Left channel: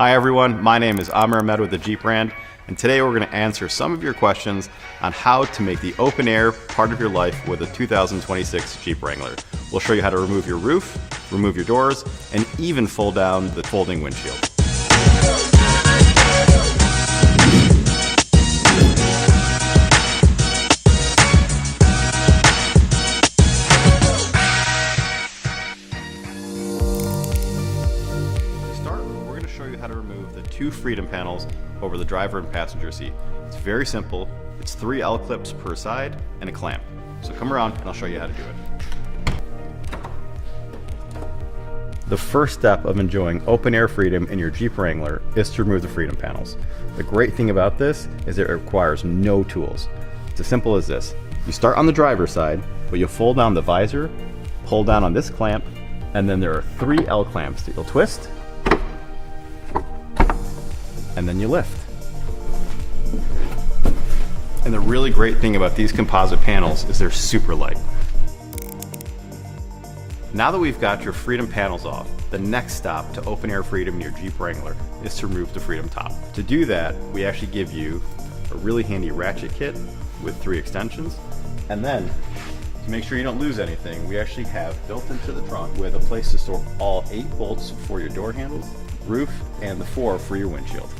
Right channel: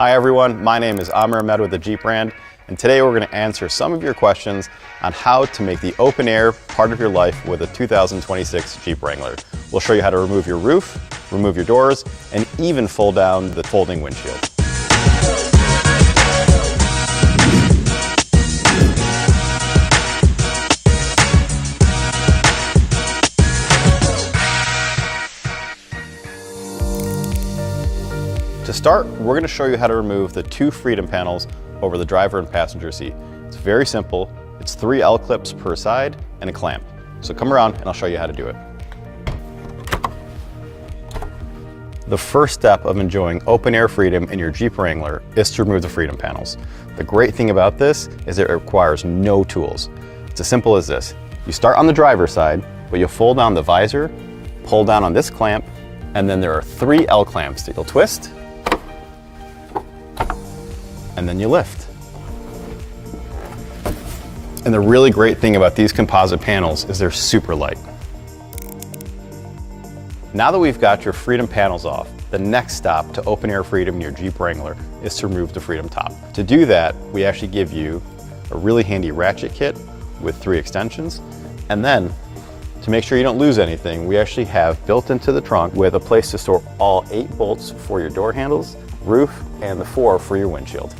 Hi everyone, my name is Aamir Ahmed with the Jeep brand, and today we're going to answer some of your questions on how to make the open air part of your life with a 2026 Jeep Wrangler. We'll show you how to remove your roof, remove your doors, and even fold down the folding windshield. To start, we're going to show you how to remove the two freedom panels over the driver and passenger seat. It's very simple. It's 3 L-clips per side and a clamp. So come around and I'll show you how to do it. The first step of enjoying open air freedom in your Jeep Wrangler is to remove the freedom panels. The great thing about this is it requires no tools. It's as simple as this. You start on the driver's side, but you'll fold down the visor, pull down on this clamp, and then there are 3 L-clamps that you'll twist, and then you lift. And the really great thing about these composite panels is they're super light. Now that we've got your freedom panels off, the next stop to open air freedom in your Jeep Wrangler is to remove the freedom top. To do that, we actually give you a really handy ratchet kit with 3 extensions. And then, to make sure you don't lose anything, we actually have built into the trunk with a place to store all 8 bolts for your door handles, roof, and the 4 for your windshield.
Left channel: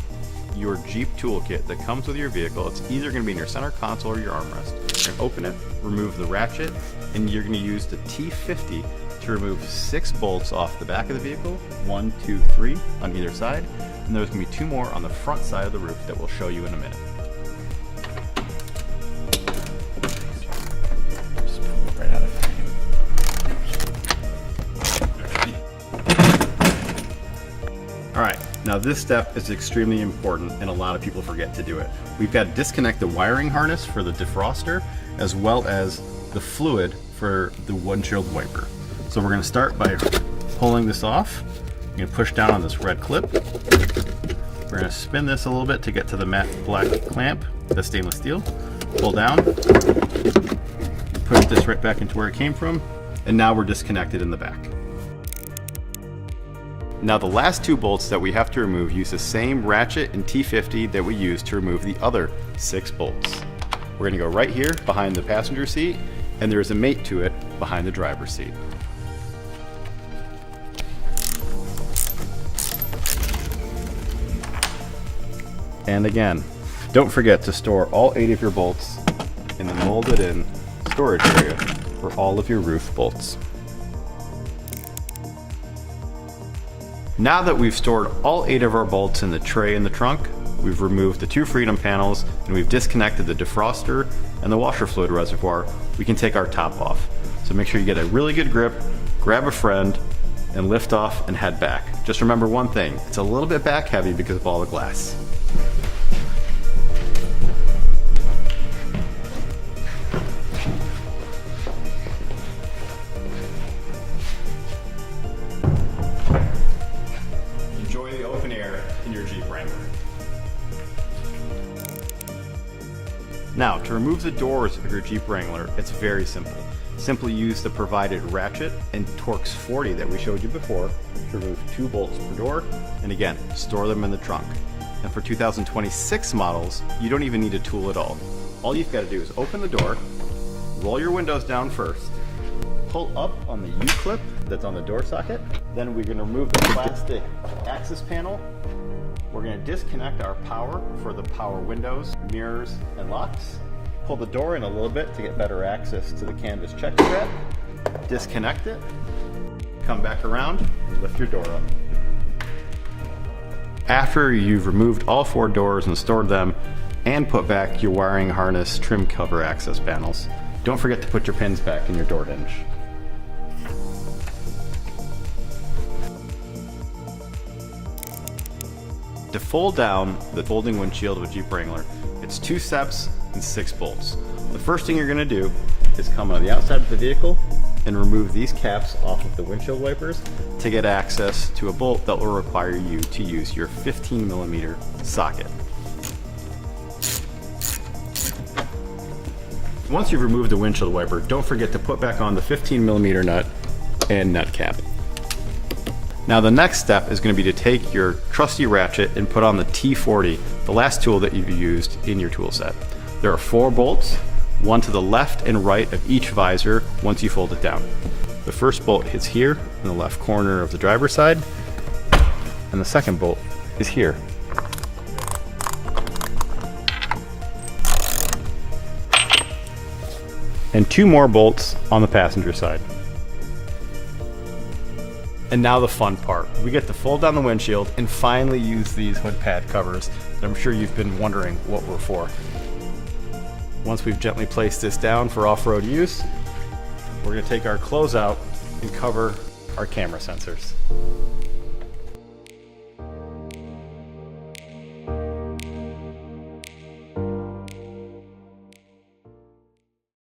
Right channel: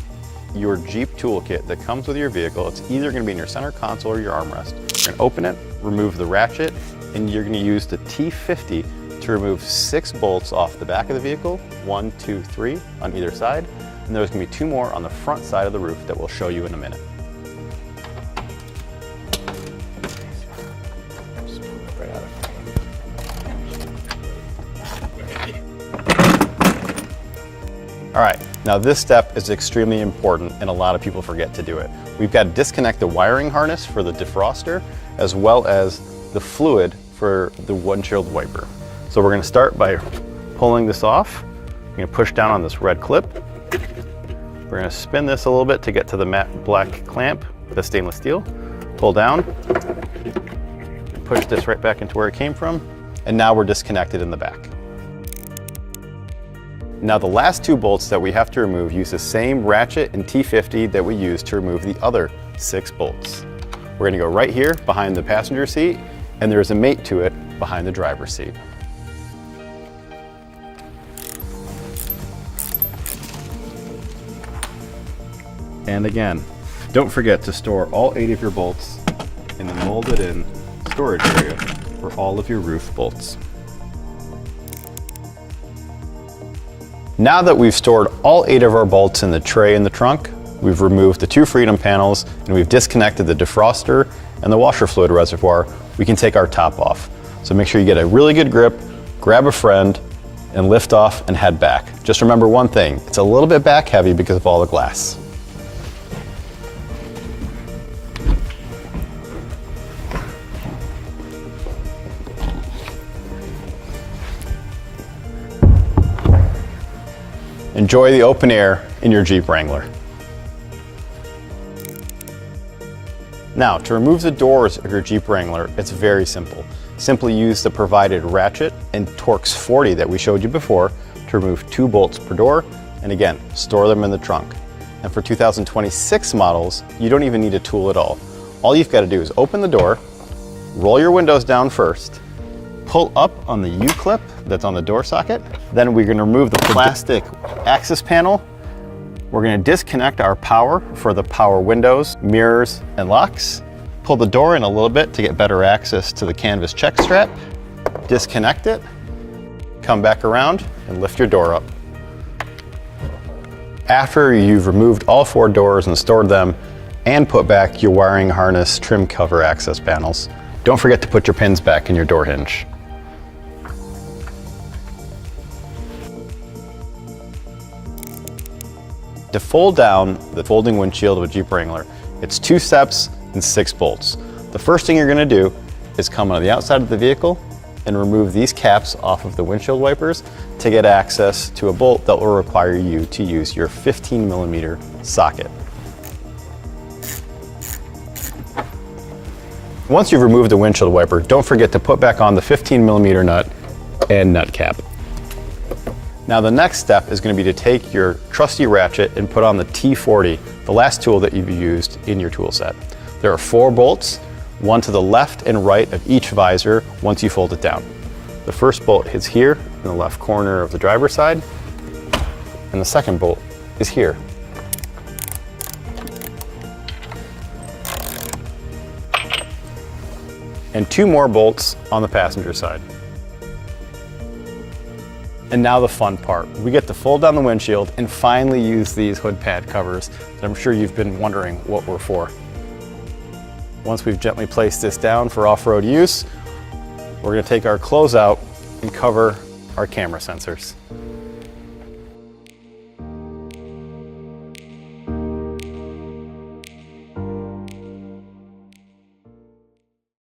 Your Jeep toolkit that comes with your vehicle, it's either going to be in your center console or your armrest. You're going to open it, remove the ratchet, and you're going to use the T50 to remove 6 bolts off the back of the vehicle, 1, 2, 3 on either side, and there's going to be 2 more on the front side of the roof that we'll show you in a minute. All right, now this step is extremely important and a lot of people forget to do it. We've got to disconnect the wiring harness for the defroster as well as the fluid for the windshield wiper. So we're going to start by pulling this off. You're going to push down on this red clip. We're going to spin this a little bit to get to the matte black clamp with the stainless steel. Pull down, push this right back into where it came from, and now we're disconnected in the back. Now the last 2 bolts that we have to remove use the same ratchet and T50 that we used to remove the other 6 bolts. We're going to go right here behind the passenger seat, and there's a mate to it behind the driver's seat. And again, don't forget to store all 8 of your bolts in the molded in storage area for all of your roof bolts. Now that we've stored all 8 of our bolts in the tray in the trunk, we've removed the 2 freedom panels and we've disconnected the defroster and the washer fluid reservoir, we can take our top off. So make sure you get a really good grip, grab a friend, and lift off and head back. Just remember one thing, it's a little bit back heavy because of all the glass. Enjoy the open air in your Jeep Wrangler. Now, to remove the doors of your Jeep Wrangler, it's very simple. Simply use the provided ratchet and Torx 40 that we showed you before to remove 2 bolts per door, and again, store them in the trunk. And for 2026 models, you don't even need a tool at all. All you've got to do is open the door, roll your windows down first, pull up on the U-clip that's on the door socket. Then we're going to remove the plastic access panel. We're going to disconnect our power for the power windows, mirrors, and locks. Pull the door in a little bit to get better access to the canvas check strap. Disconnect it, come back around, and lift your door up. After you've removed all 4 doors and stored them, and put back your wiring harness trim cover access panels, don't forget to put your pins back in your door hinge. To fold down the folding windshield of a Jeep Wrangler, it's 2 steps and 6 bolts. The first thing you're going to do is come on the outside of the vehicle and remove these caps off of the windshield wipers to get access to a bolt that will require you to use your 15mm socket. Once you've removed the windshield wiper, don't forget to put back on the 15mm nut and nut cap. Now the next step is going to be to take your trusty ratchet and put on the T40, the last tool that you've used in your tool set. There are 4 bolts, one to the left and right of each visor once you fold it down. The first bolt hits here in the left corner of the driver's side, and the second bolt is here. And 2 more bolts on the passenger side. And now the fun part. We get to fold down the windshield and finally use these hood pad covers that I'm sure you've been wondering what we're for. Once we've gently placed this down for off-road use, we're going to take our clothes out and cover our camera sensors.